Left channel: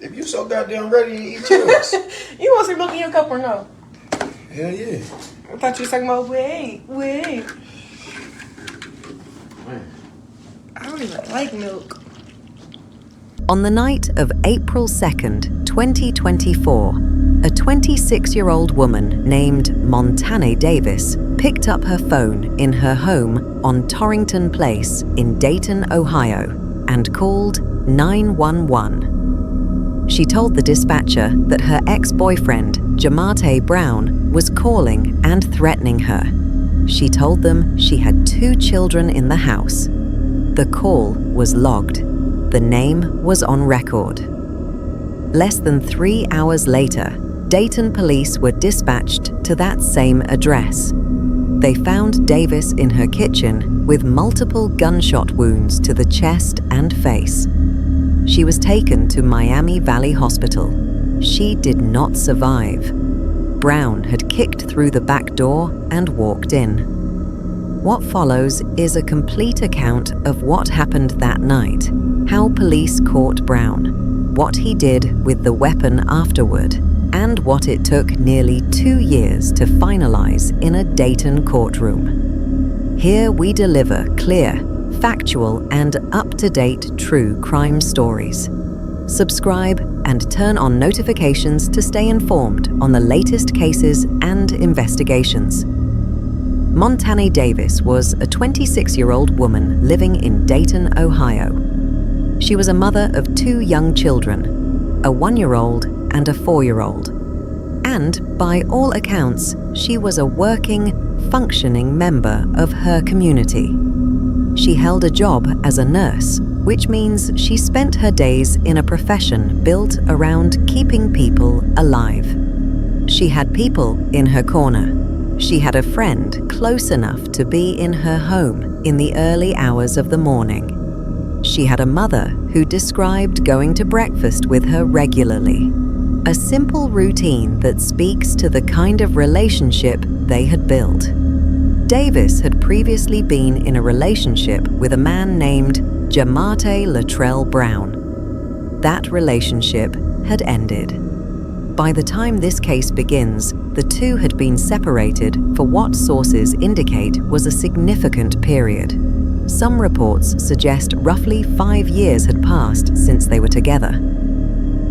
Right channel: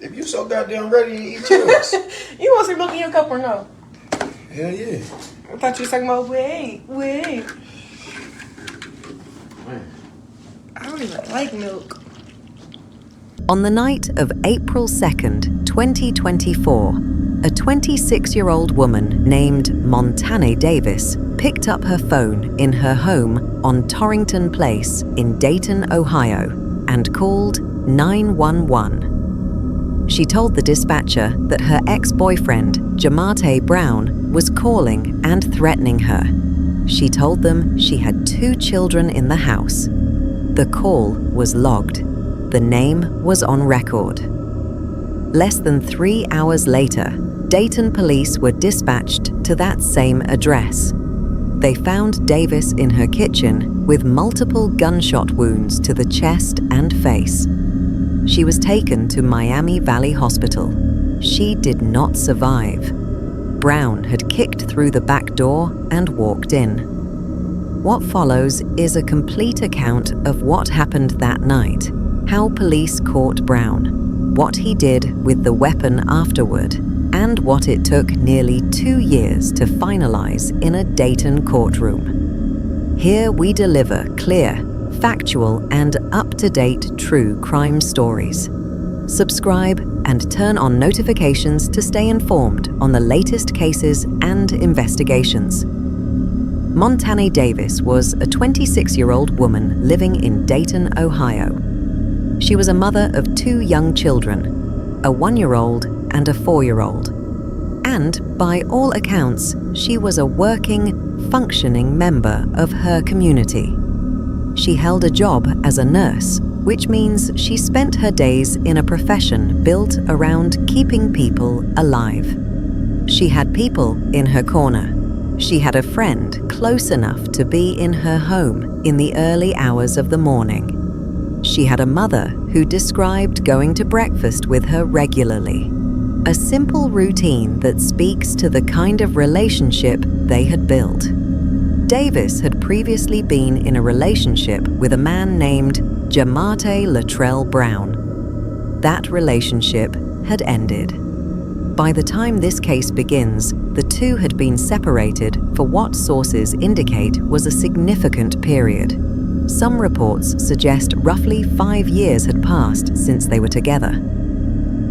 If you so goddamn ready, eat yours. You want some milk in your cup or no? Hell yeah. I thought you were talking about wait. I don't even like milk. On the night of April 2nd, 2024, a 26-year-old woman named Montanae Davis picked up her phone in her home on Torrington Place in Dayton, Ohio, and called 911. She told the dispatcher that her ex-boyfriend, Jamartay Brown, was calling and threatening her. She told them she had 2 children in the house. The call was logged. The name was on record. Less than 3 hours later, Dayton police were dispatched to that same address. They found Davis in her kitchen with multiple gunshot wounds to the chest and face. She was taken to Miami Valley Hospital. She did not survive. Brown had kicked through the back door and walked in. What follows is a complete account of what happened that night, how police caught Brown, what he did with the weapon afterward, and what it took nearly 2 years to finalize in a Dayton courtroom. Here we deliver clear, factual, and up-to-date true crime stories. Subscribe and turn on notifications to stay informed on the latest cases and investigations. Montanae Davis was a 26-year-old woman living in Dayton, Ohio. She was a mother of 2 young children, a 1-year-old and a 4-year-old. And, by all accounts, she was a working, functioning member of her community. She held a job as a nurse, which means she spent her days in a profession built around keeping people alive. She had people in her corner. She had a friend close enough to be in her home in the early hours of the morning. She had a mother who described going to breakfast with her regularly, a simple routine that speaks to the kind of relationship they had built. Davis had previously been in a relationship with a man named Jamartay Brown. That relationship had ended. By the time this case begins, the two had been separated for what sources indicate was a significant period. Some reports suggest roughly 5 years had passed since they were together.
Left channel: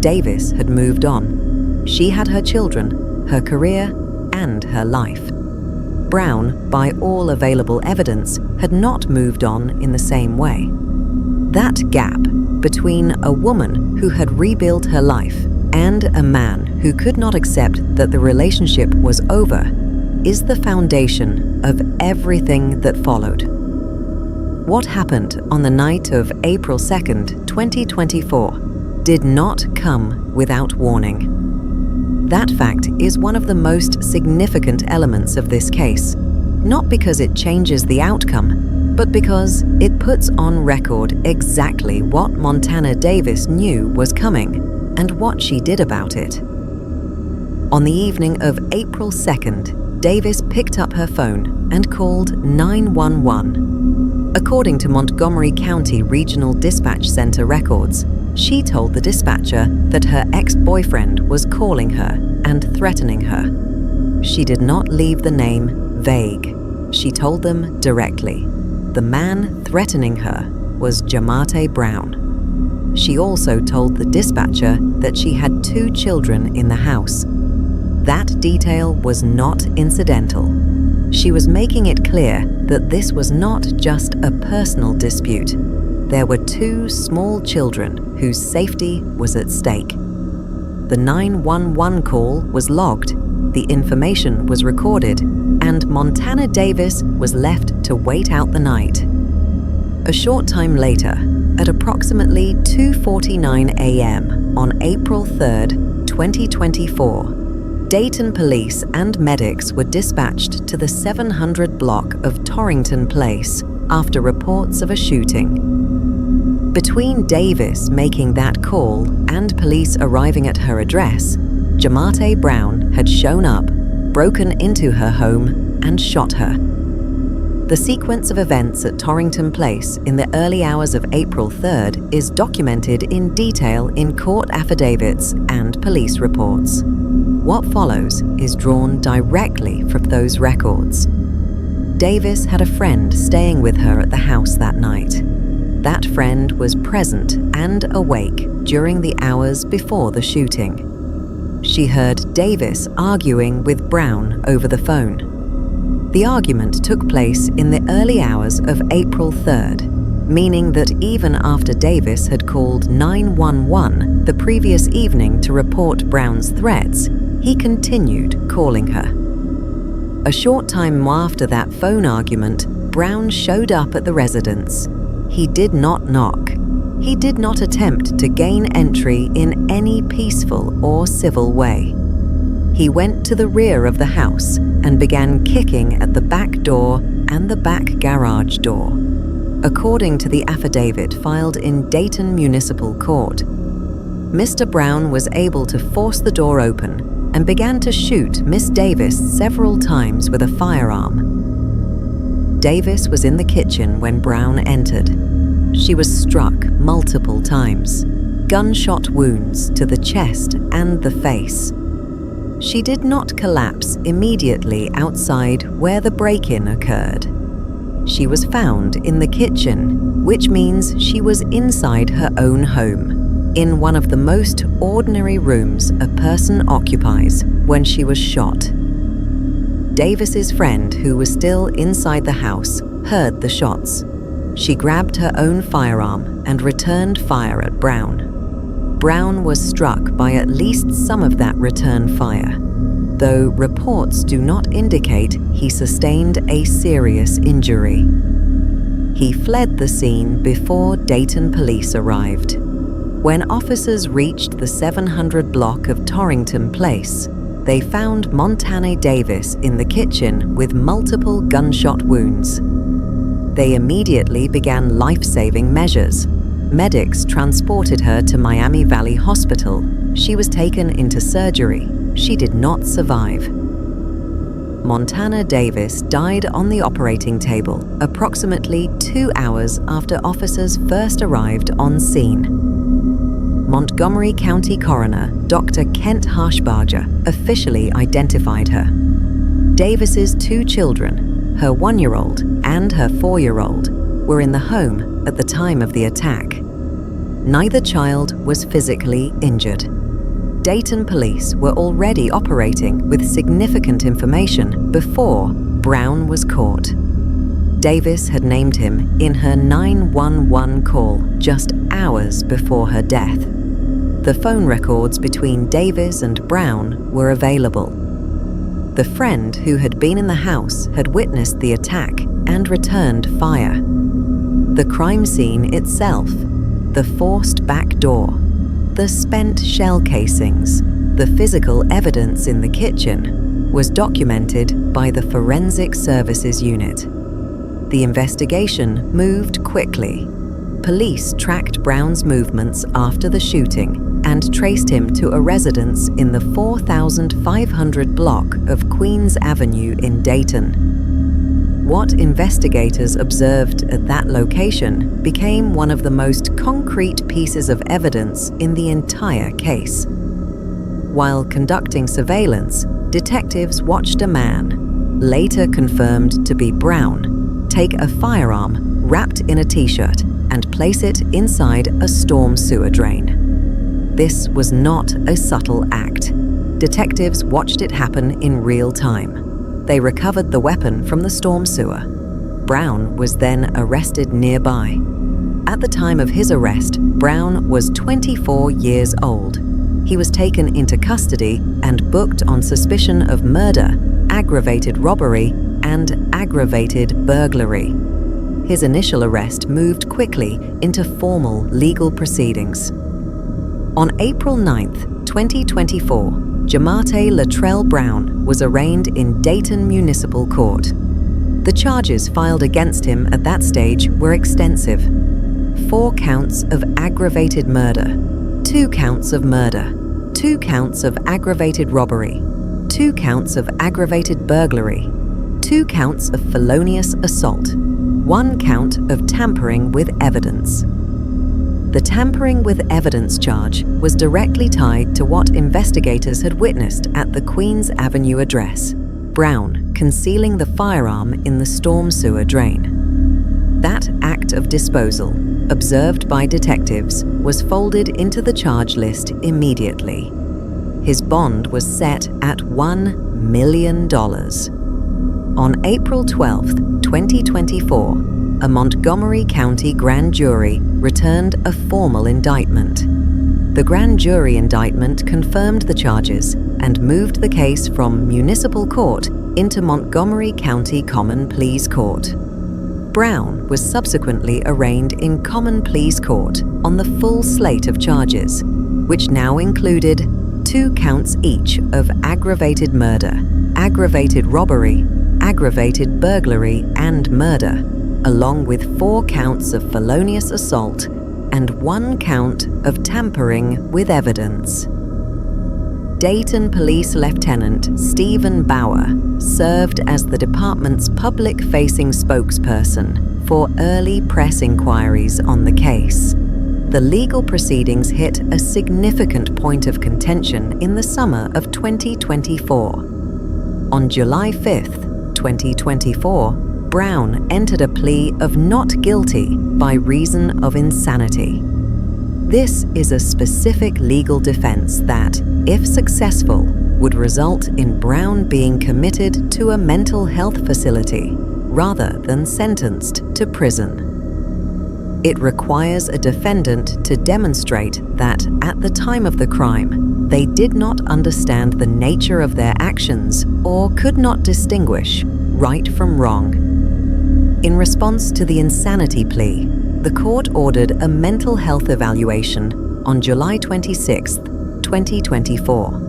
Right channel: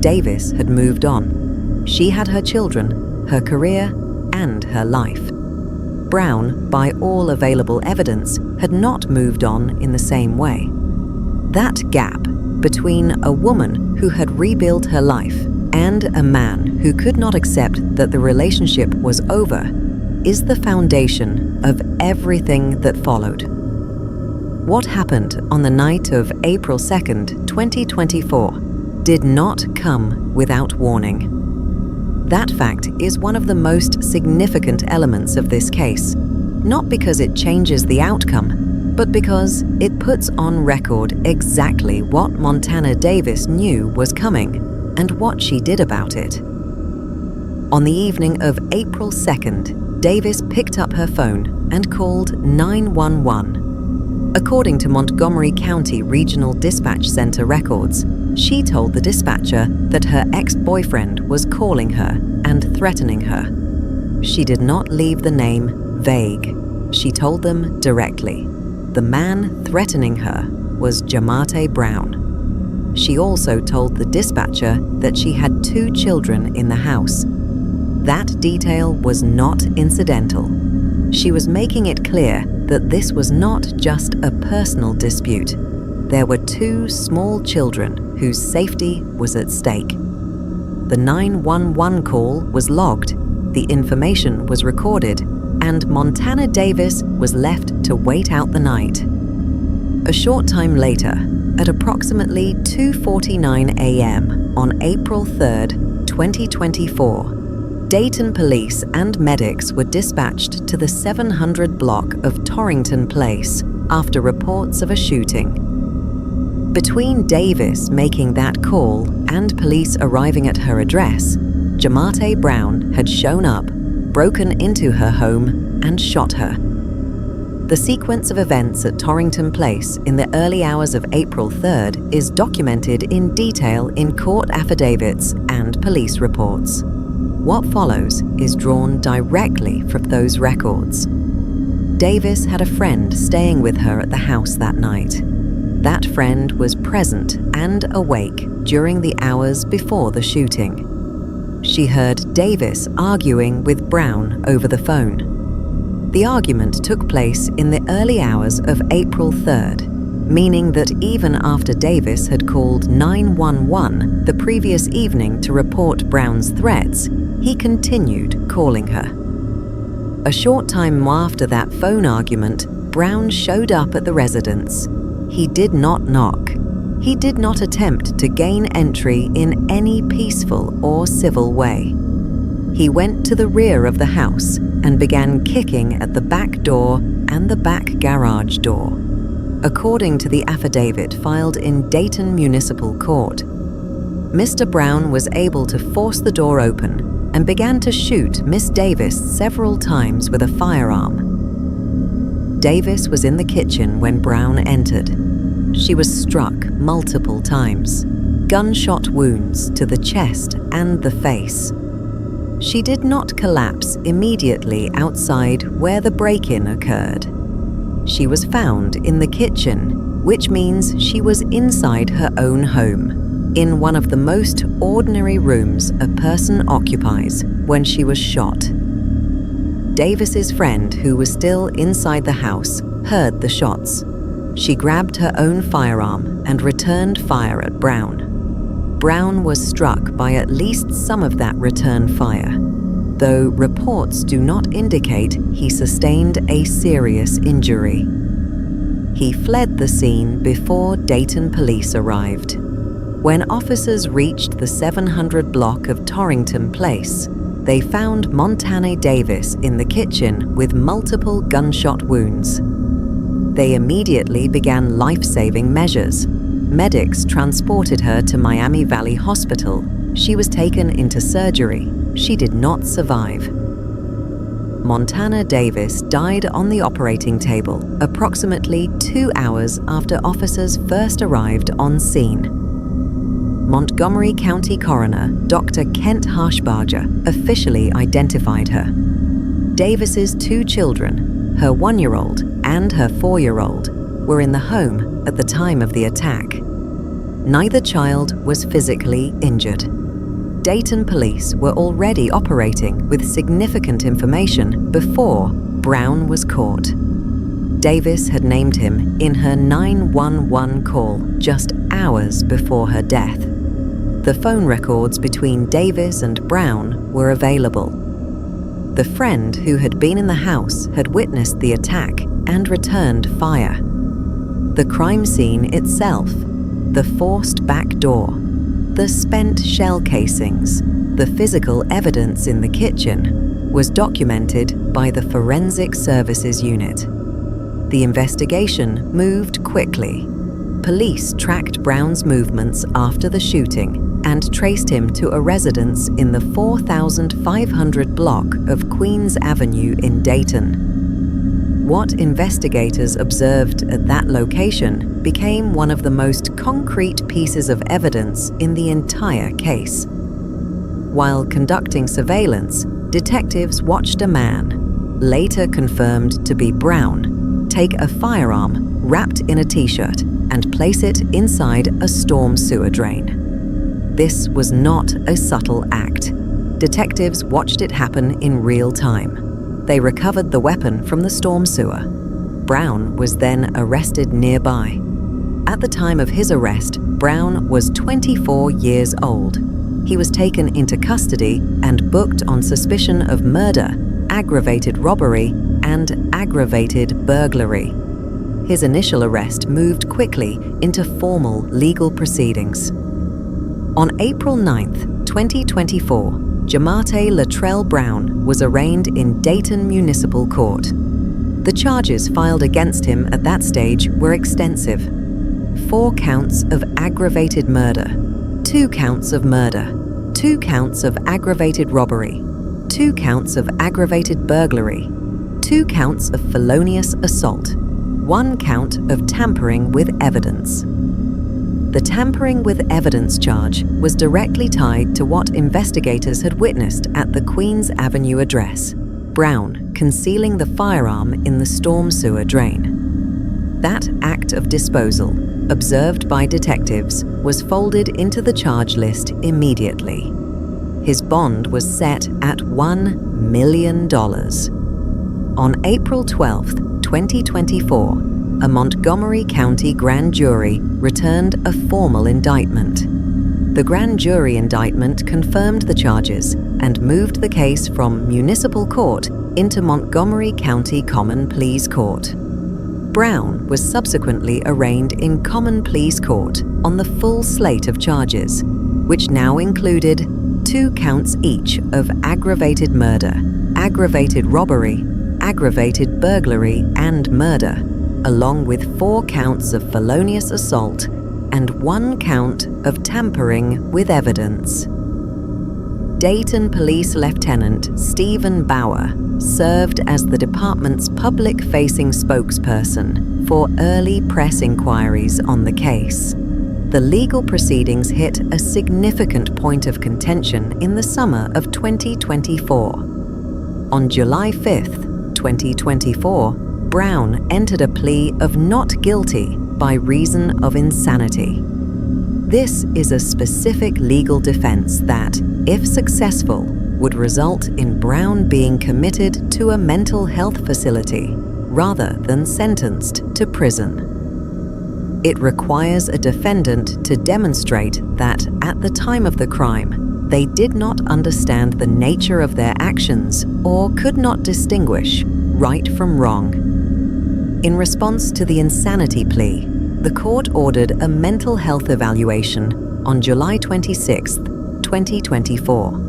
Davis had moved on. She had her children, her career, and her life. Brown, by all available evidence, had not moved on in the same way. That gap between a woman who had rebuilt her life and a man who could not accept that the relationship was over is the foundation of everything that followed. What happened on the night of April 2nd, 2024, did not come without warning. That fact is one of the most significant elements of this case, not because it changes the outcome, but because it puts on record exactly what Montanae Davis knew was coming and what she did about it. On the evening of April 2nd, Davis picked up her phone and called 911. According to Montgomery County Regional Dispatch Center records, she told the dispatcher that her ex-boyfriend was calling her and threatening her. She did not leave the name vague. She told them directly. The man threatening her was Jamartay Brown. She also told the dispatcher that she had 2 children in the house. That detail was not incidental. She was making it clear that this was not just a personal dispute. There were 2 small children whose safety was at stake. The 911 call was logged, the information was recorded, and Montanae Davis was left to wait out the night. A short time later, at approximately 2:49 a.m. on April 3rd, 2024, Dayton police and medics were dispatched to the 700 block of Torrington Place after reports of a shooting. Between Davis making that call and police arriving at her address, Jamartay Brown had shown up, broken into her home, and shot her. The sequence of events at Torrington Place in the early hours of April 3rd is documented in detail in court affidavits and police reports. What follows is drawn directly from those records. Davis had a friend staying with her at the house that night. That friend was present and awake during the hours before the shooting. She heard Davis arguing with Brown over the phone. The argument took place in the early hours of April 3rd, meaning that even after Davis had called 911 the previous evening to report Brown's threats, he continued calling her. A short time after that phone argument, Brown showed up at the residence. He did not knock. He did not attempt to gain entry in any peaceful or civil way. He went to the rear of the house and began kicking at the back door and the back garage door. According to the affidavit filed in Dayton Municipal Court, Mr. Brown was able to force the door open and began to shoot Miss Davis several times with a firearm. Davis was in the kitchen when Brown entered. She was struck multiple times, gunshot wounds to the chest and the face. She did not collapse immediately outside where the break-in occurred. She was found in the kitchen, which means she was inside her own home, in one of the most ordinary rooms a person occupies when she was shot. Davis's friend, who was still inside the house, heard the shots. She grabbed her own firearm and returned fire at Brown. Brown was struck by at least some of that return fire, though reports do not indicate he sustained a serious injury. He fled the scene before Dayton police arrived. When officers reached the 700 block of Torrington Place, they found Montanae Davis in the kitchen with multiple gunshot wounds. They immediately began life-saving measures. Medics transported her to Miami Valley Hospital. She was taken into surgery. She did not survive. Montanae Davis died on the operating table approximately 2 hours after officers first arrived on scene. Montgomery County Coroner Dr. Kent Harshbarger officially identified her. Davis's 2 children, her 1-year-old and her 4-year-old, were in the home at the time of the attack. Neither child was physically injured. Dayton police were already operating with significant information before Brown was caught. Davis had named him in her 911 call just hours before her death. The phone records between Davis and Brown were available. The friend who had been in the house had witnessed the attack and returned fire. The crime scene itself, the forced back door, the spent shell casings, the physical evidence in the kitchen, was documented by the Forensic Services Unit. The investigation moved quickly. Police tracked Brown's movements after the shooting and traced him to a residence in the 4500 block of Queens Avenue in Dayton. What investigators observed at that location became one of the most concrete pieces of evidence in the entire case. While conducting surveillance, detectives watched a man, later confirmed to be Brown, take a firearm wrapped in a t-shirt and place it inside a storm sewer drain. This was not a subtle act. Detectives watched it happen in real time. They recovered the weapon from the storm sewer. Brown was then arrested nearby. At the time of his arrest, Brown was 24 years old. He was taken into custody and booked on suspicion of murder, aggravated robbery, and aggravated burglary. His initial arrest moved quickly into formal legal proceedings. On April 9th, 2024, Jamartay Latrell Brown was arraigned in Dayton Municipal Court. The charges filed against him at that stage were extensive. 4 counts of aggravated murder, 2 counts of murder, 2 counts of aggravated robbery, 2 counts of aggravated burglary, 2 counts of felonious assault, 1 count of tampering with evidence. The tampering with evidence charge was directly tied to what investigators had witnessed at the Queens Avenue address, Brown concealing the firearm in the storm sewer drain. That act of disposal, observed by detectives, was folded into the charge list immediately. His bond was set at $1 million. On April 12, 2024, a Montgomery County grand jury returned a formal indictment. The grand jury indictment confirmed the charges and moved the case from municipal court into Montgomery County Common Pleas Court. Brown was subsequently arraigned in Common Pleas Court on the full slate of charges, which now included 2 counts each of aggravated murder, aggravated robbery, aggravated burglary, and murder, along with 4 counts of felonious assault and 1 count of tampering with evidence. Dayton Police Lieutenant Stephen Bauer served as the department's public-facing spokesperson for early press inquiries on the case. The legal proceedings hit a significant point of contention in the summer of 2024. On July 5, 2024, Brown entered a plea of not guilty by reason of insanity. This is a specific legal defense that, if successful, would result in Brown being committed to a mental health facility rather than sentenced to prison. It requires a defendant to demonstrate that at the time of the crime, they did not understand the nature of their actions or could not distinguish right from wrong. In response to the insanity plea, the court ordered a mental health evaluation on July 26, 2024.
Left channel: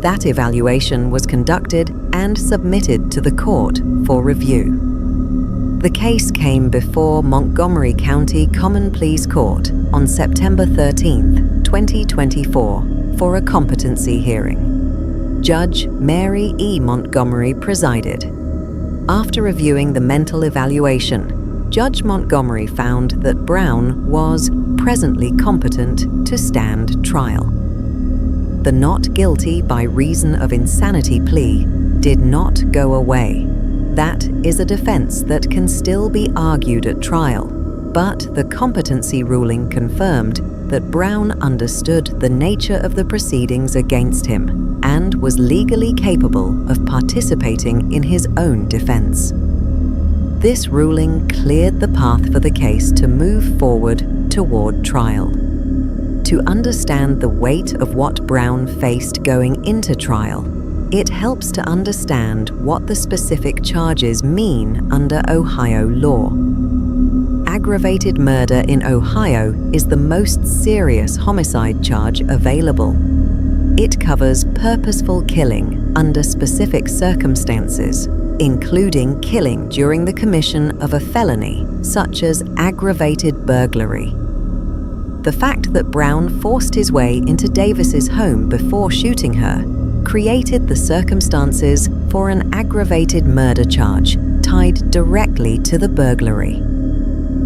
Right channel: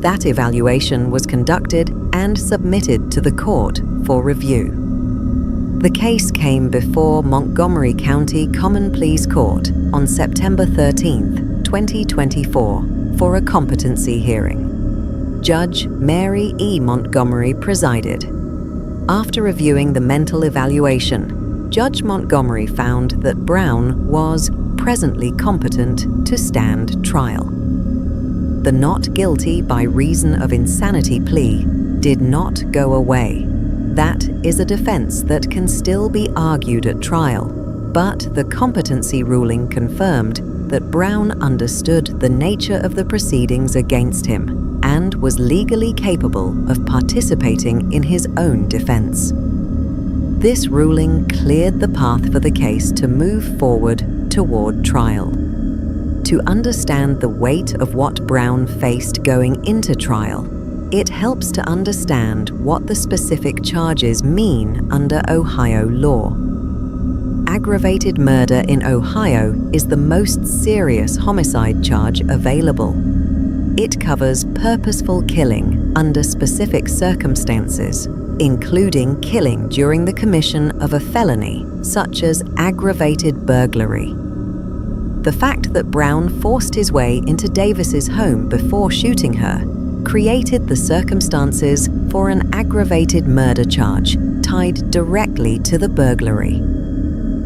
That evaluation was conducted and submitted to the court for review. The case came before Montgomery County Common Pleas Court on September 13, 2024, for a competency hearing. Judge Mary E. Montgomery presided. After reviewing the mental evaluation, Judge Montgomery found that Brown was presently competent to stand trial. The not guilty by reason of insanity plea did not go away. That is a defense that can still be argued at trial, but the competency ruling confirmed that Brown understood the nature of the proceedings against him and was legally capable of participating in his own defense. This ruling cleared the path for the case to move forward toward trial. To understand the weight of what Brown faced going into trial, it helps to understand what the specific charges mean under Ohio law. Aggravated murder in Ohio is the most serious homicide charge available. It covers purposeful killing under specific circumstances, including killing during the commission of a felony, such as aggravated burglary. The fact that Brown forced his way into Davis's home before shooting her created the circumstances for an aggravated murder charge tied directly to the burglary.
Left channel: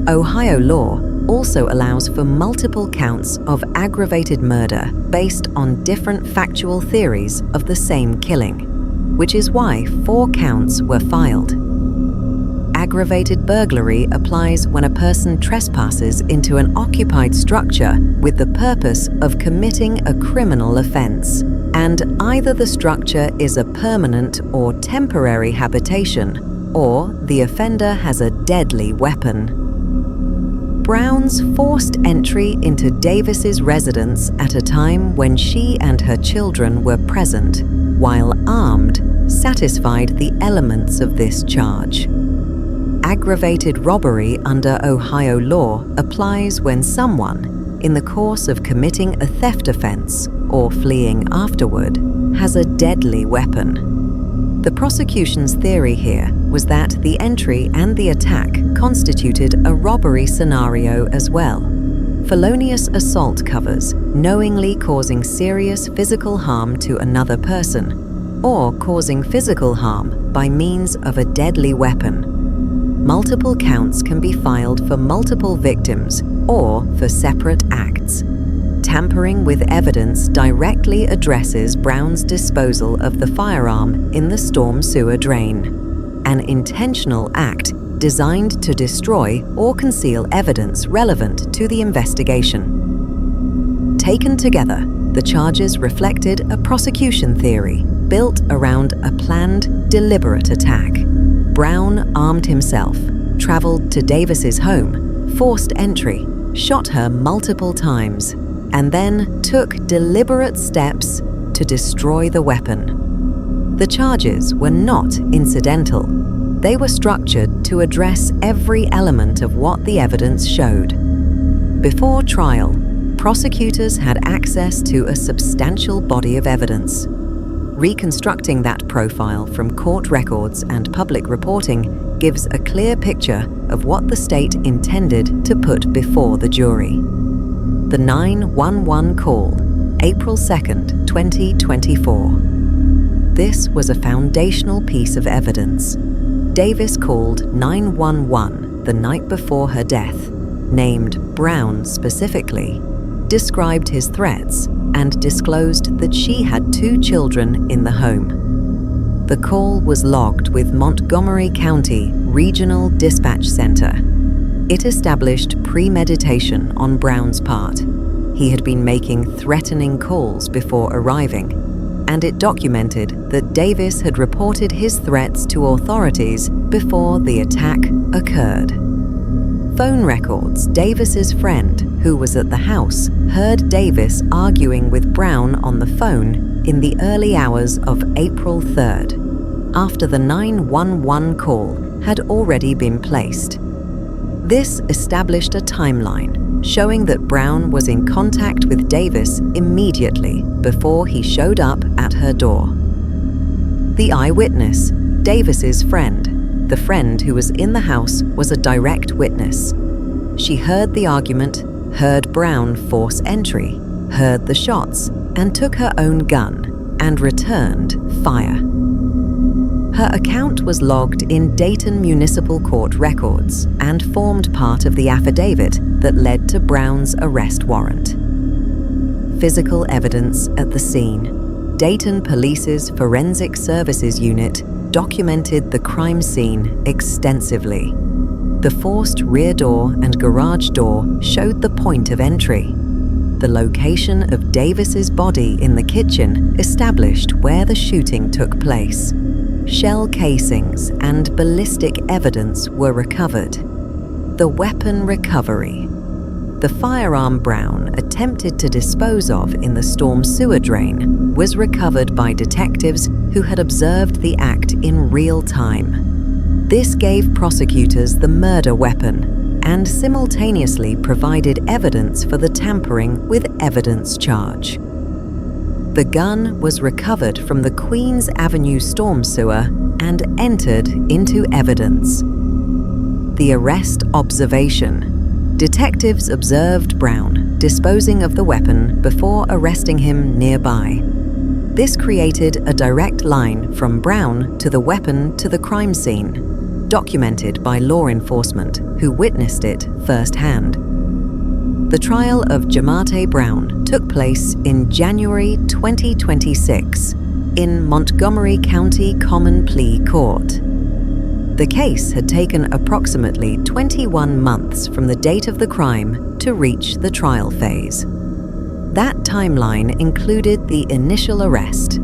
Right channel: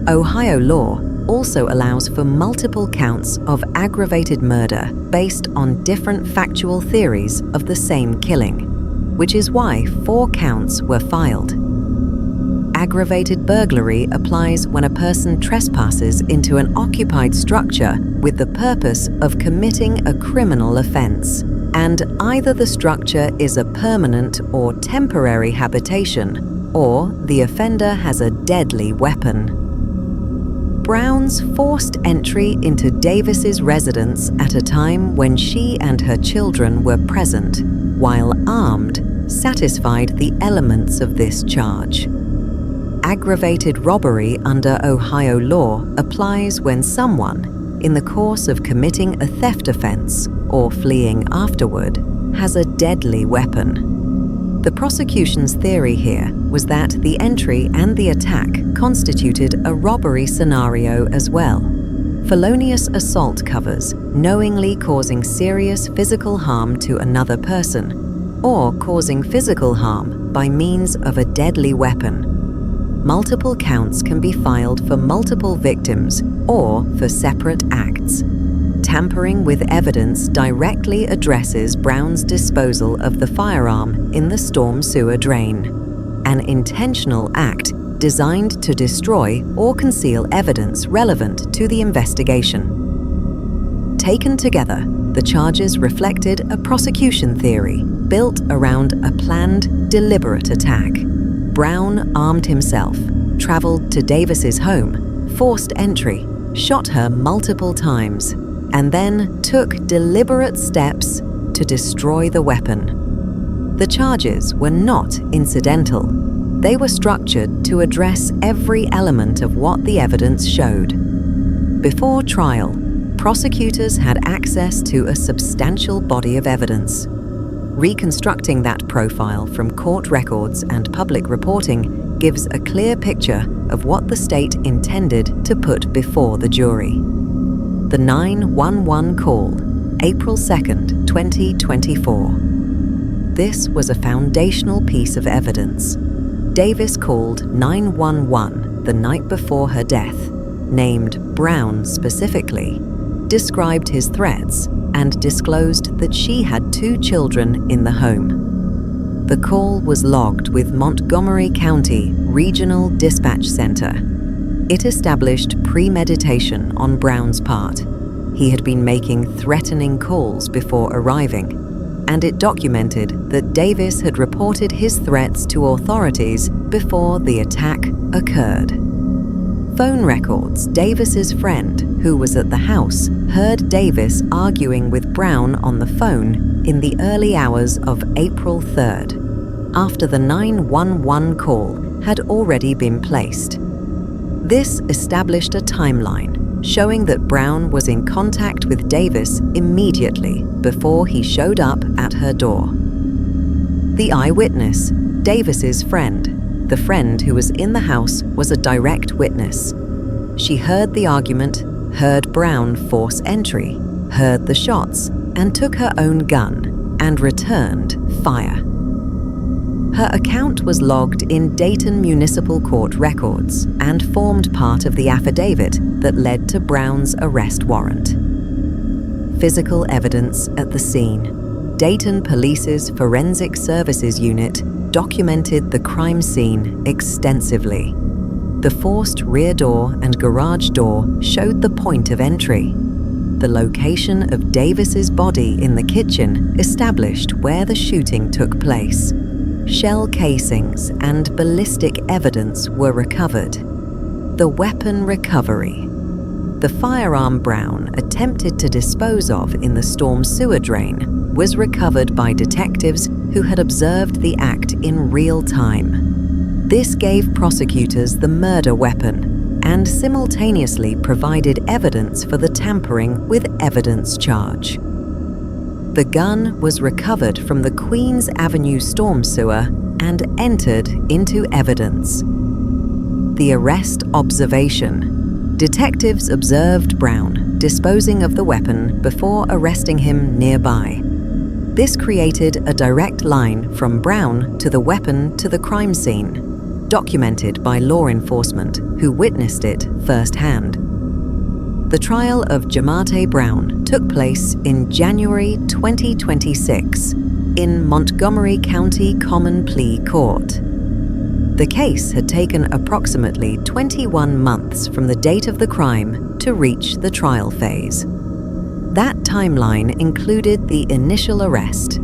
Ohio law also allows for multiple counts of aggravated murder based on different factual theories of the same killing, which is why 4 counts were filed. Aggravated burglary applies when a person trespasses into an occupied structure with the purpose of committing a criminal offense, and either the structure is a permanent or temporary habitation, or the offender has a deadly weapon. Brown's forced entry into Davis's residence at a time when she and her children were present, while armed, satisfied the elements of this charge. Aggravated robbery under Ohio law applies when someone, in the course of committing a theft offense or fleeing afterward, has a deadly weapon. The prosecution's theory here was that the entry and the attack constituted a robbery scenario as well. Felonious assault covers knowingly causing serious physical harm to another person. or causing physical harm by means of a deadly weapon. Multiple counts can be filed for multiple victims or for separate acts. Tampering with evidence directly addresses Brown's disposal of the firearm in the storm sewer drain, an intentional act designed to destroy or conceal evidence relevant to the investigation. Taken together, the charges reflected a prosecution theory built around a planned, deliberate attack. Brown armed himself, traveled to Davis's home, forced entry, shot her multiple times, and then took deliberate steps to destroy the weapon. The charges were not incidental. They were structured to address every element of what the evidence showed. Before trial, prosecutors had access to a substantial body of evidence. Reconstructing that profile from court records and public reporting gives a clear picture of what the state intended to put before the jury. The 911 call, April 2nd, 2024. This was a foundational piece of evidence. Davis called 911 the night before her death, named Brown specifically, described his threats, and disclosed that she had 2 children in the home. The call was logged with Montgomery County Regional Dispatch Center. It established premeditation on Brown's part. He had been making threatening calls before arriving, and it documented that Davis had reported his threats to authorities before the attack occurred. Phone records Davis's friend, who was at the house, heard Davis arguing with Brown on the phone in the early hours of April 3rd, after the 911 call had already been placed. This established a timeline showing that Brown was in contact with Davis immediately before he showed up at her door. The eyewitness, Davis's friend, the friend who was in the house, was a direct witness. She heard the argument, heard Brown force entry, heard the shots, and took her own gun and returned fire. Her account was logged in Dayton Municipal Court records and formed part of the affidavit that led to Brown's arrest warrant. Physical evidence at the scene. Dayton Police's Forensic Services Unit documented the crime scene extensively. The forced rear door and garage door showed the point of entry. The location of Davis's body in the kitchen established where the shooting took place. Shell casings and ballistic evidence were recovered. The weapon recovery. The firearm Brown attempted to dispose of in the storm sewer drain was recovered by detectives who had observed the act in real time. This gave prosecutors the murder weapon and simultaneously provided evidence for the tampering with evidence charge. The gun was recovered from the Queens Avenue storm sewer and entered into evidence. The arrest observation. Detectives observed Brown disposing of the weapon before arresting him nearby. This created a direct line from Brown to the weapon to the crime scene, documented by law enforcement who witnessed it firsthand. The trial of Jamartay Brown took place in January 2026 in Montgomery County Common Plea Court. The case had taken approximately 21 months from the date of the crime to reach the trial phase. That timeline included the initial arrest,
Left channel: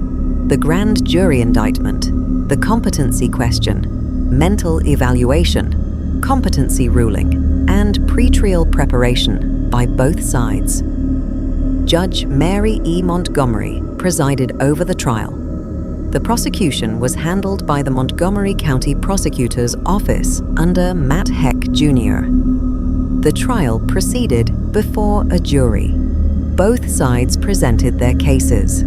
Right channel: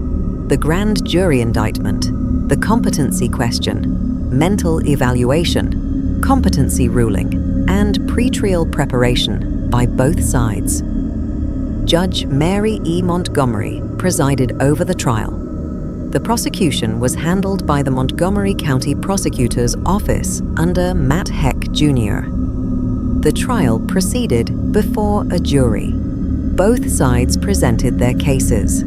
the grand jury indictment, the competency question, mental evaluation, competency ruling, and pretrial preparation by both sides. Judge Mary E. Montgomery presided over the trial. The prosecution was handled by the Montgomery County Prosecutor's Office under Matt Heck, Jr. The trial proceeded before a jury. Both sides presented their cases.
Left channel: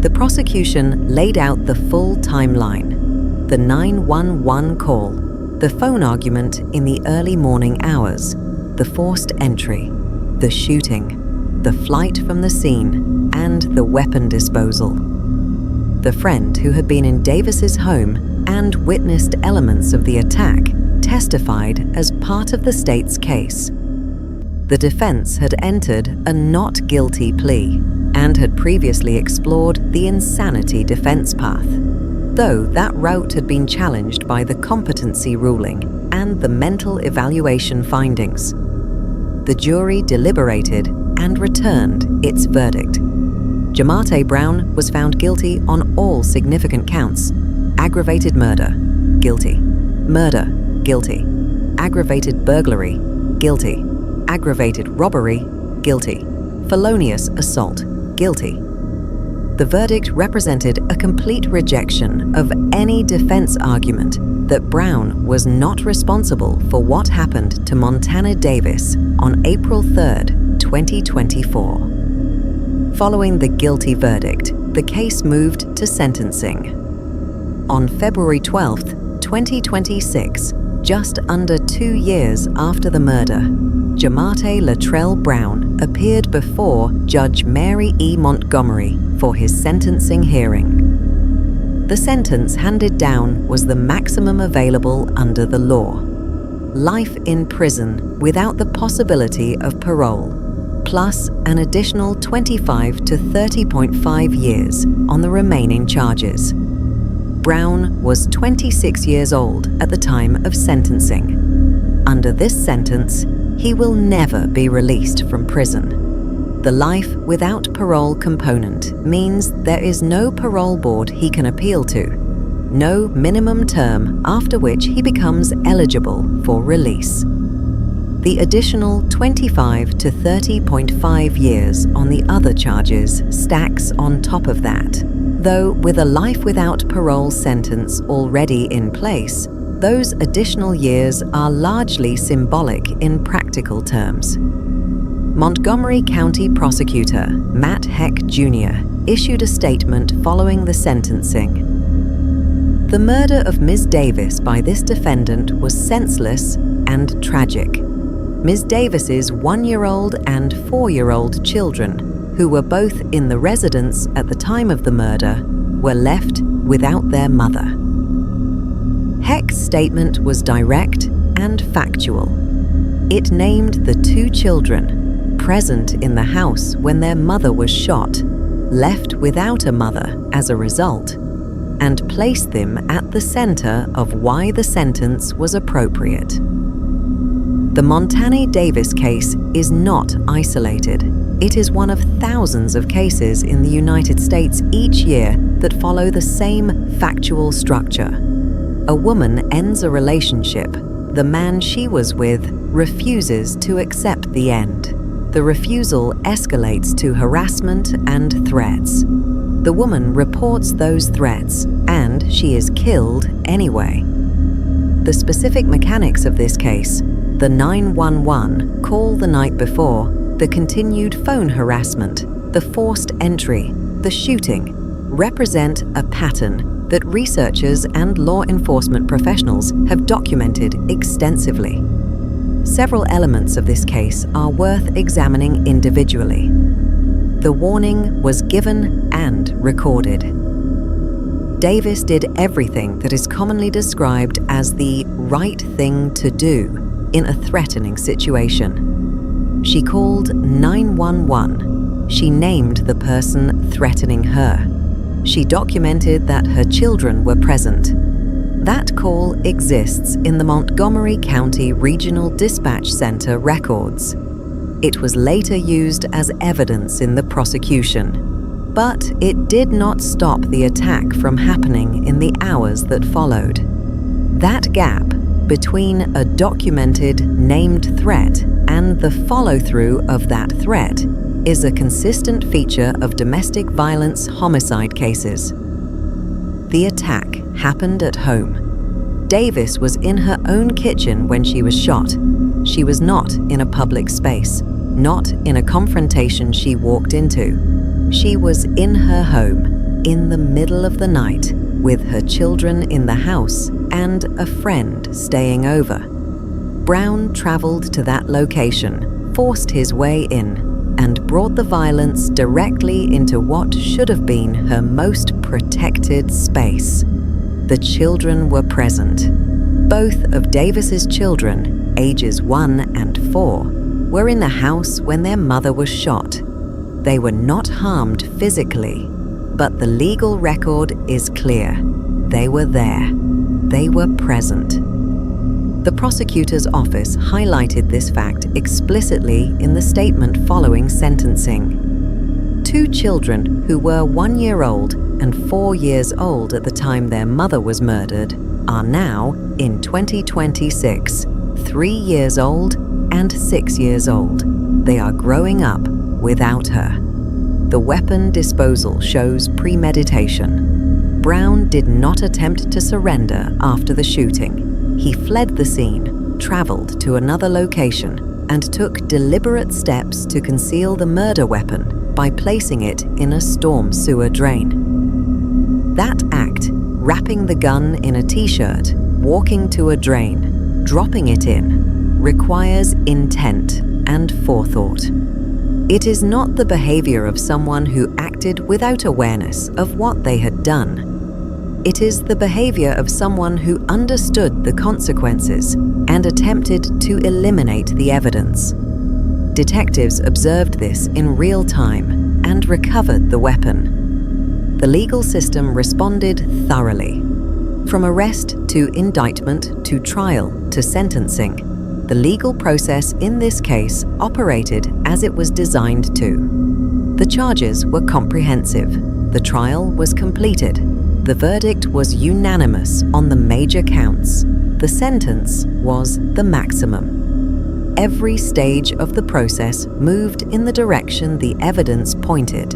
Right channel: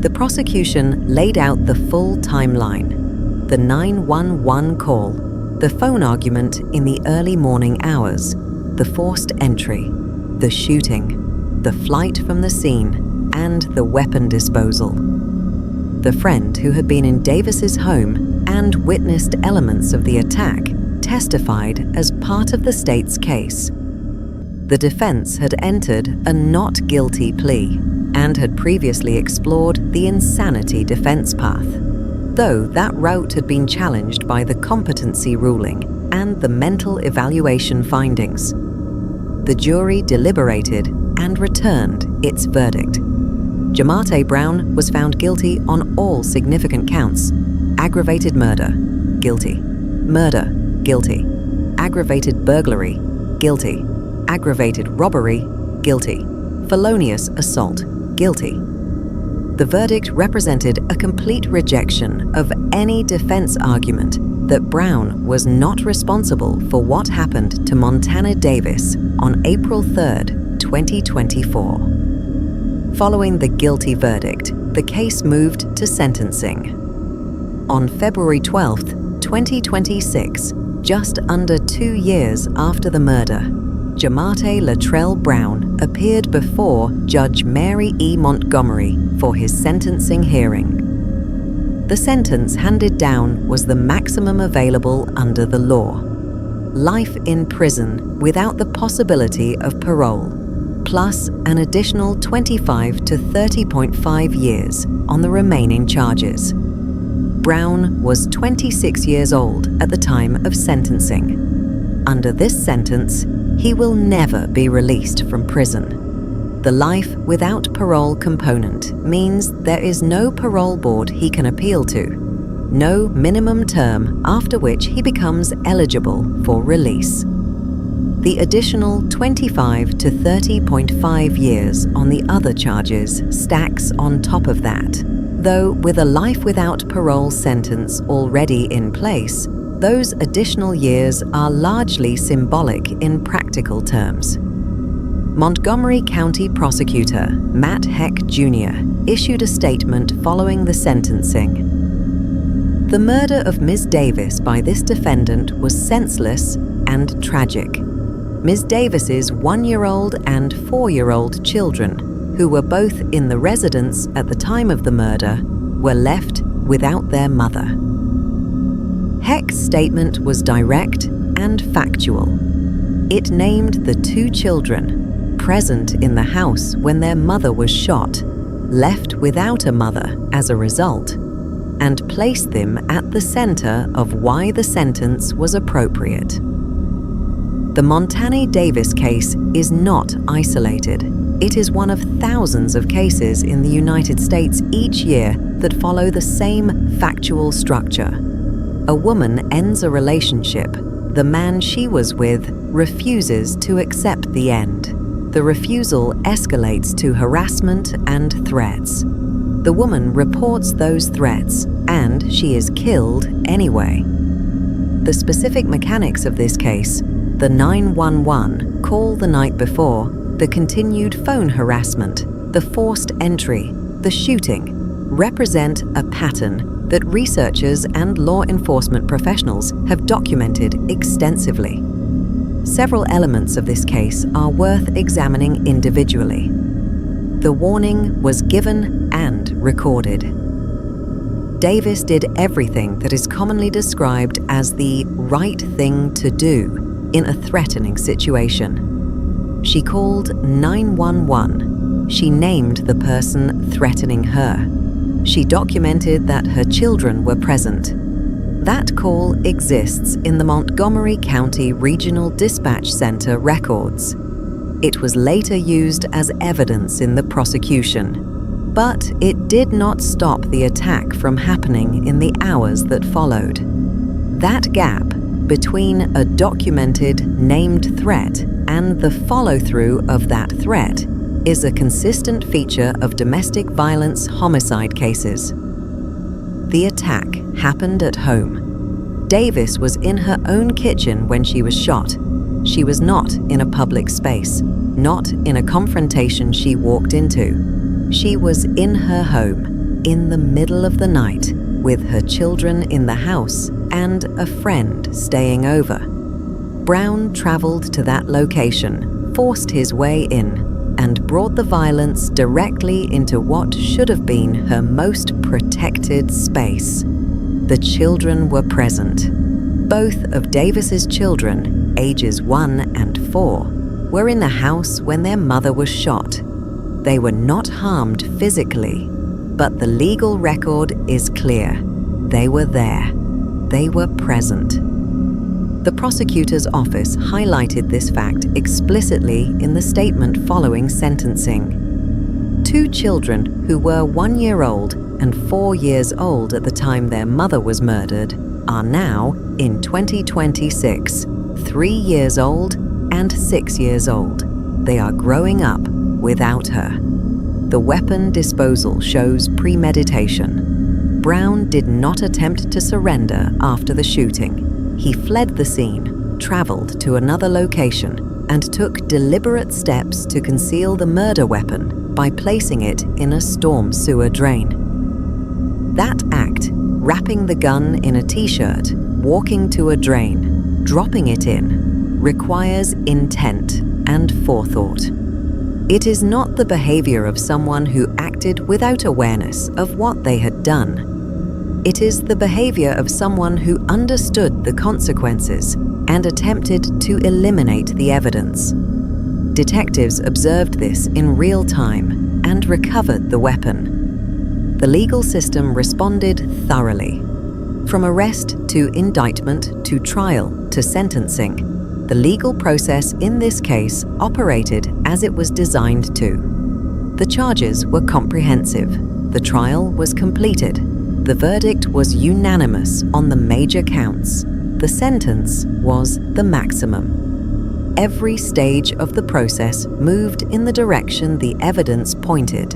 The prosecution laid out the full timeline: the 911 call, the phone argument in the early morning hours, the forced entry, the shooting, the flight from the scene, and the weapon disposal. the friend who had been in Davis's home and witnessed elements of the attack, testified as part of the state's case. The defense had entered a not guilty plea and had previously explored the insanity defense path, though that route had been challenged by the competency ruling and the mental evaluation findings. The jury deliberated and returned its verdict. Jamartay Brown was found guilty on all significant counts: aggravated murder, guilty; murder, guilty; aggravated burglary, guilty; aggravated robbery, guilty; felonious assault, guilty. The verdict represented a complete rejection of any defense argument that Brown was not responsible for what happened to Montana Davis on April 3, 2024. Following the guilty verdict, the case moved to sentencing. On February 12, 2026, just under 2 years after the murder, Jamartay Latrell Brown appeared before Judge Mary E. Montgomery for his sentencing hearing. The sentence handed down was the maximum available under the law: life in prison without the possibility of parole, plus an additional 25 to 30.5 years on the remaining charges. Brown was 26 years old at the time of sentencing. Under this sentence, he will never be released from prison. The life without parole component means there is no parole board he can appeal to, no minimum term after which he becomes eligible for release. The additional 25 to 30.5 years on the other charges stacks on top of that, though with a life without parole sentence already in place, those additional years are largely symbolic in practical terms. Montgomery County Prosecutor Matt Heck Jr. issued a statement following the sentencing. The murder of Ms. Davis by this defendant was senseless and tragic. Ms. Davis's 1-year-old and 4-year-old children, who were both in the residence at the time of the murder, were left without their mother. Heck's statement was direct and factual. It named the 2 children present in the house when their mother was shot, left without a mother as a result, and placed them at the center of why the sentence was appropriate. The Montana Davis case is not isolated. It is one of thousands of cases in the United States each year that follow the same factual structure. A woman ends a relationship. The man she was with refuses to accept the end. The refusal escalates to harassment and threats. The woman reports those threats, and she is killed anyway. The specific mechanics of this case, the 911 call the night before, the continued phone harassment, the forced entry, the shooting, represent a pattern that researchers and law enforcement professionals have documented extensively. Several elements of this case are worth examining individually. The warning was given and recorded. Davis did everything that is commonly described as the right thing to do in a threatening situation. She called 911. She named the person threatening her. She documented that her children were present. That call exists in the Montgomery County Regional Dispatch Center records. It was later used as evidence in the prosecution, but it did not stop the attack from happening in the hours that followed. That gap between a documented, named threat and the follow-through of that threat is a consistent feature of domestic violence homicide cases. The attack happened at home. Davis was in her own kitchen when she was shot. She was not in a public space, not in a confrontation she walked into. She was in her home, in the middle of the night, with her children in the house and a friend staying over. Brown traveled to that location, forced his way in, and brought the violence directly into what should have been her most protected space. The children were present. Both of Davis's children, ages 1 and 4, were in the house when their mother was shot. They were not harmed physically, but the legal record is clear. They were there. They were present. The prosecutor's office highlighted this fact explicitly in the statement following sentencing. 2 children who were 1 year old and 4 years old at the time their mother was murdered are now, in 2026, 3 years old and 6 years old. They are growing up without her. The weapon disposal shows premeditation. Brown did not attempt to surrender after the shooting. He fled the scene, traveled to another location, and took deliberate steps to conceal the murder weapon by placing it in a storm sewer drain. That act, wrapping the gun in a t-shirt, walking to a drain, dropping it in, requires intent and forethought. It is not the behavior of someone who acted without awareness of what they had done. It is the behavior of someone who understood the consequences and attempted to eliminate the evidence. Detectives observed this in real time and recovered the weapon. The legal system responded thoroughly. From arrest to indictment to trial to sentencing, the legal process in this case operated as it was designed to. The charges were comprehensive. The trial was completed. The verdict was unanimous on the major counts. The sentence was the maximum. Every stage of the process moved in the direction the evidence pointed.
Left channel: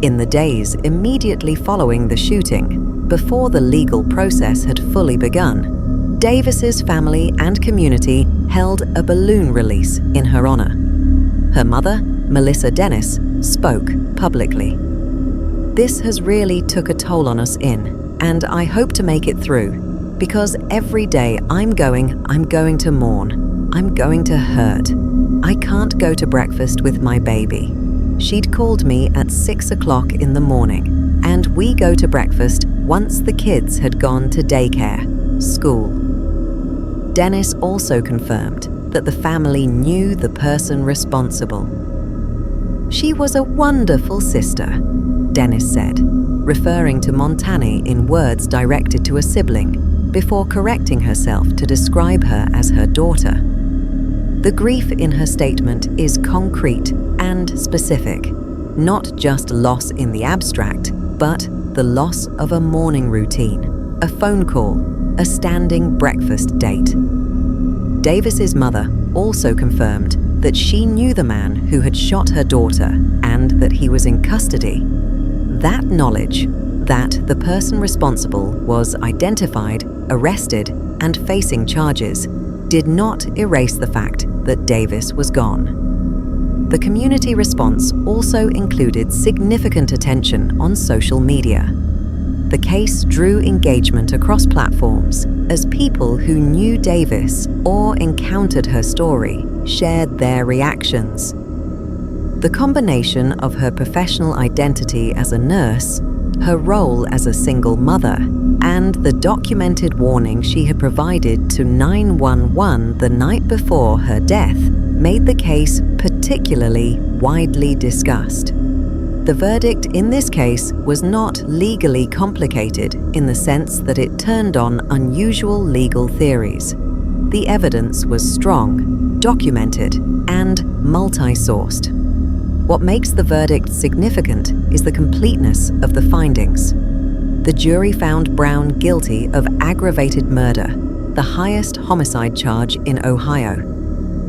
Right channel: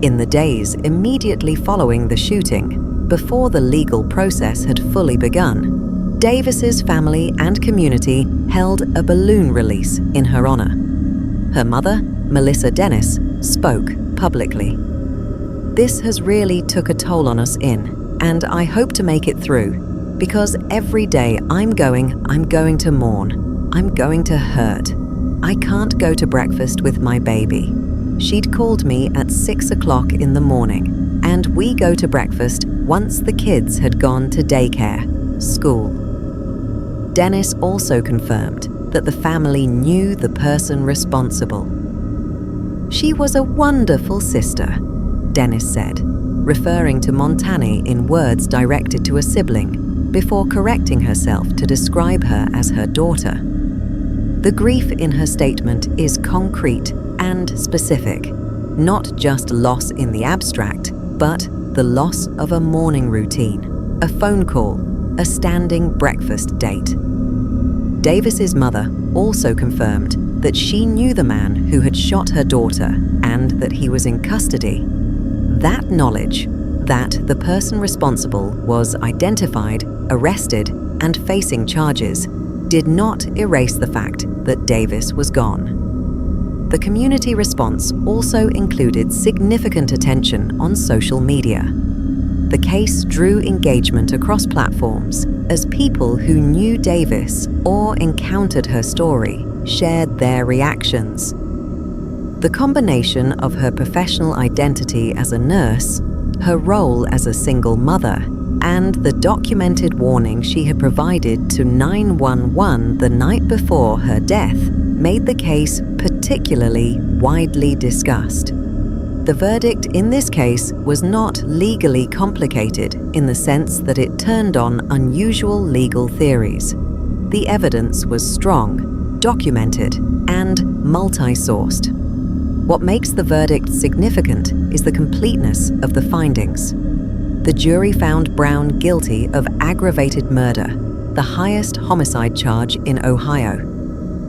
In the days immediately following the shooting, before the legal process had fully begun, Davis's family and community held a balloon release in her honor. Her mother, Melissa Dennis, spoke publicly. This has really took a toll on us and I hope to make it through, because every day I'm going to mourn. I'm going to hurt. I can't go to breakfast with my baby. She'd called me at 6 o'clock in the morning, and we go to breakfast once the kids had gone to daycare, school. Dennis also confirmed that the family knew the person responsible. She was a wonderful sister, Dennis said, referring to Montanae in words directed to a sibling, before correcting herself to describe her as her daughter. The grief in her statement is concrete and specific, not just loss in the abstract, but the loss of a morning routine, a phone call, a standing breakfast date. Davis's mother also confirmed that she knew the man who had shot her daughter and that he was in custody. That knowledge, that the person responsible was identified, arrested, and facing charges, did not erase the fact that Davis was gone. The community response also included significant attention on social media. The case drew engagement across platforms as people who knew Davis or encountered her story shared their reactions. The combination of her professional identity as a nurse, her role as a single mother, and the documented warning she had provided to 911 the night before her death made the case particularly widely discussed. The verdict in this case was not legally complicated in the sense that it turned on unusual legal theories. The evidence was strong, documented, and multi-sourced. What makes the verdict significant is the completeness of the findings. The jury found Brown guilty of aggravated murder, the highest homicide charge in Ohio.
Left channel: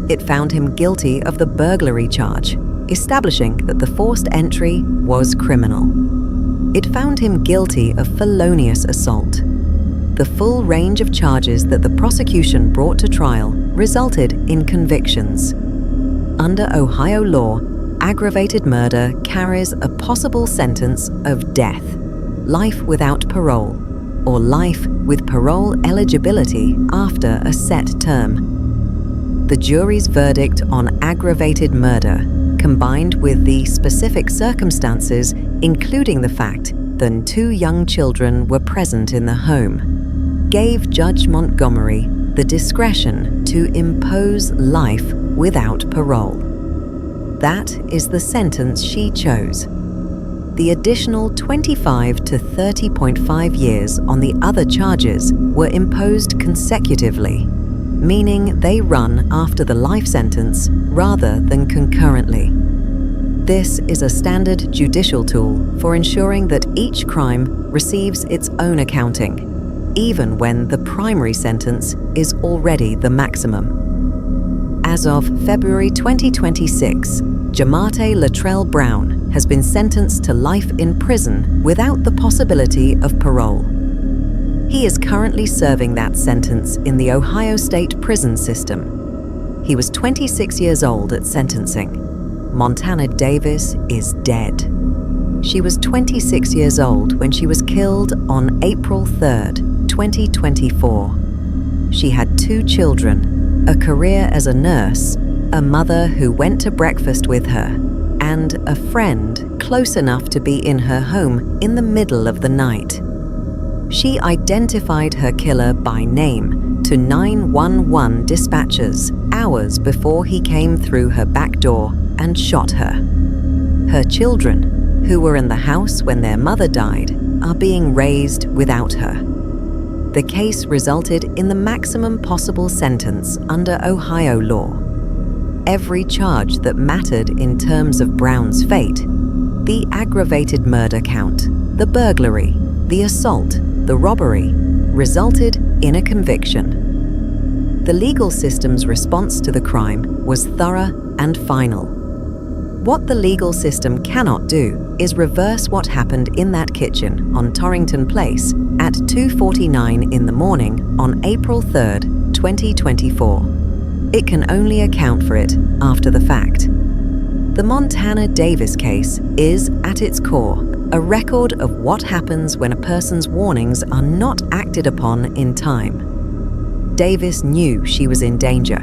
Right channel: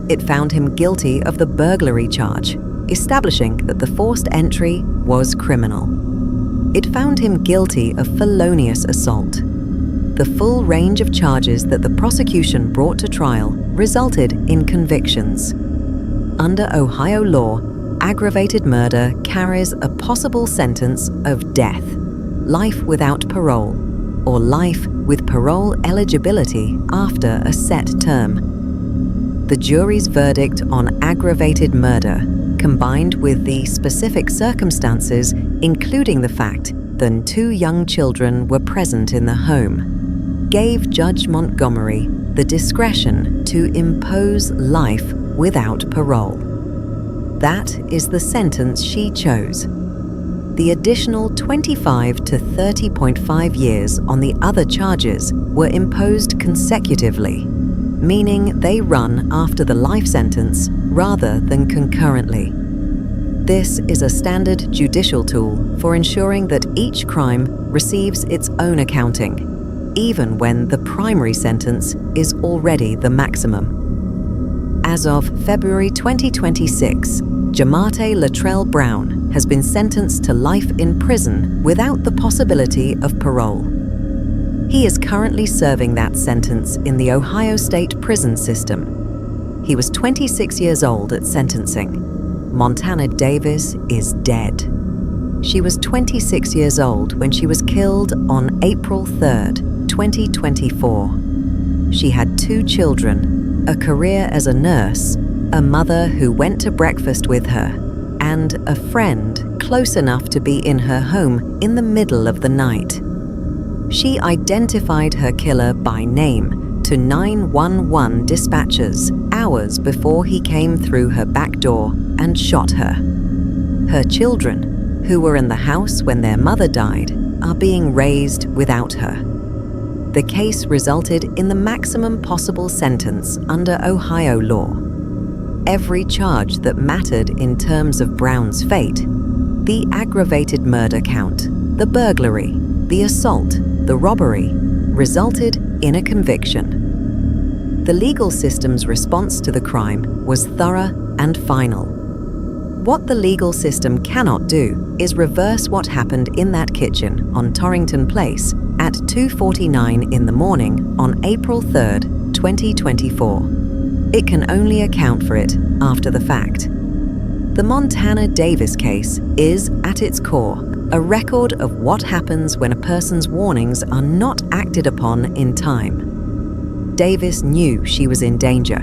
It found him guilty of the burglary charge, establishing that the forced entry was criminal. It found him guilty of felonious assault. The full range of charges that the prosecution brought to trial resulted in convictions. Under Ohio law, aggravated murder carries a possible sentence of death, life without parole, or life with parole eligibility after a set term. The jury's verdict on aggravated murder combined with the specific circumstances, including the fact that 2 young children were present in the home, gave Judge Montgomery the discretion to impose life without parole. That is the sentence she chose. The additional 25 to 30.5 years on the other charges were imposed consecutively, meaning they run after the life sentence rather than concurrently. This is a standard judicial tool for ensuring that each crime receives its own accounting, even when the primary sentence is already the maximum. As of February 2026, Jamartay Latrell Brown has been sentenced to life in prison without the possibility of parole. He is currently serving that sentence in the Ohio State prison system. He was 26 years old at sentencing. Montana Davis is dead. She was 26 years old when she was killed on April 3rd, 2024. She had 2 children, a career as a nurse, a mother who went to breakfast with her, and a friend close enough to be in her home in the middle of the night. She identified her killer by name to 911 dispatchers hours before he came through her back door and shot her. Her children, who were in the house when their mother died, are being raised without her. The case resulted in the maximum possible sentence under Ohio law. Every charge that mattered in terms of Brown's fate, the aggravated murder count, the burglary, the assault, the robbery, resulted in a conviction. The legal system's response to the crime was thorough and final. What the legal system cannot do is reverse what happened in that kitchen on Torrington Place at 2:49 in the morning on April 3rd, 2024. It can only account for it after the fact. The Montana Davis case is, at its core, a record of what happens when a person's warnings are not acted upon in time. Davis knew she was in danger.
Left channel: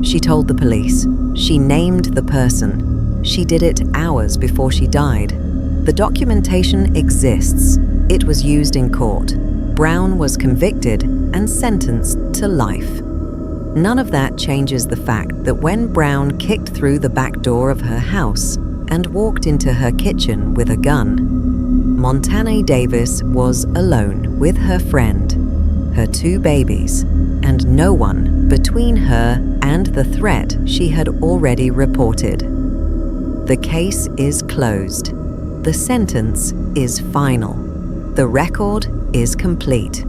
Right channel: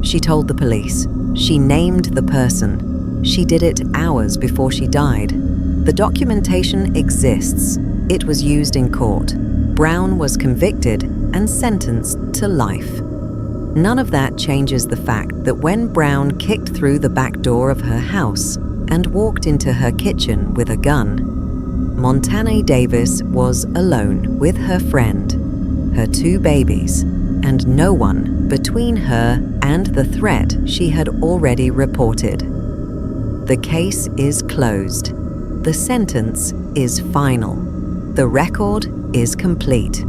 She told the police. She named the person. She did it hours before she died. The documentation exists. It was used in court. Brown was convicted and sentenced to life. None of that changes the fact that when Brown kicked through the back door of her house and walked into her kitchen with a gun, montanae Davis was alone with her friend, her 2 babies, and no one between her and the threat she had already reported. The case is closed. The sentence is final. The record is complete.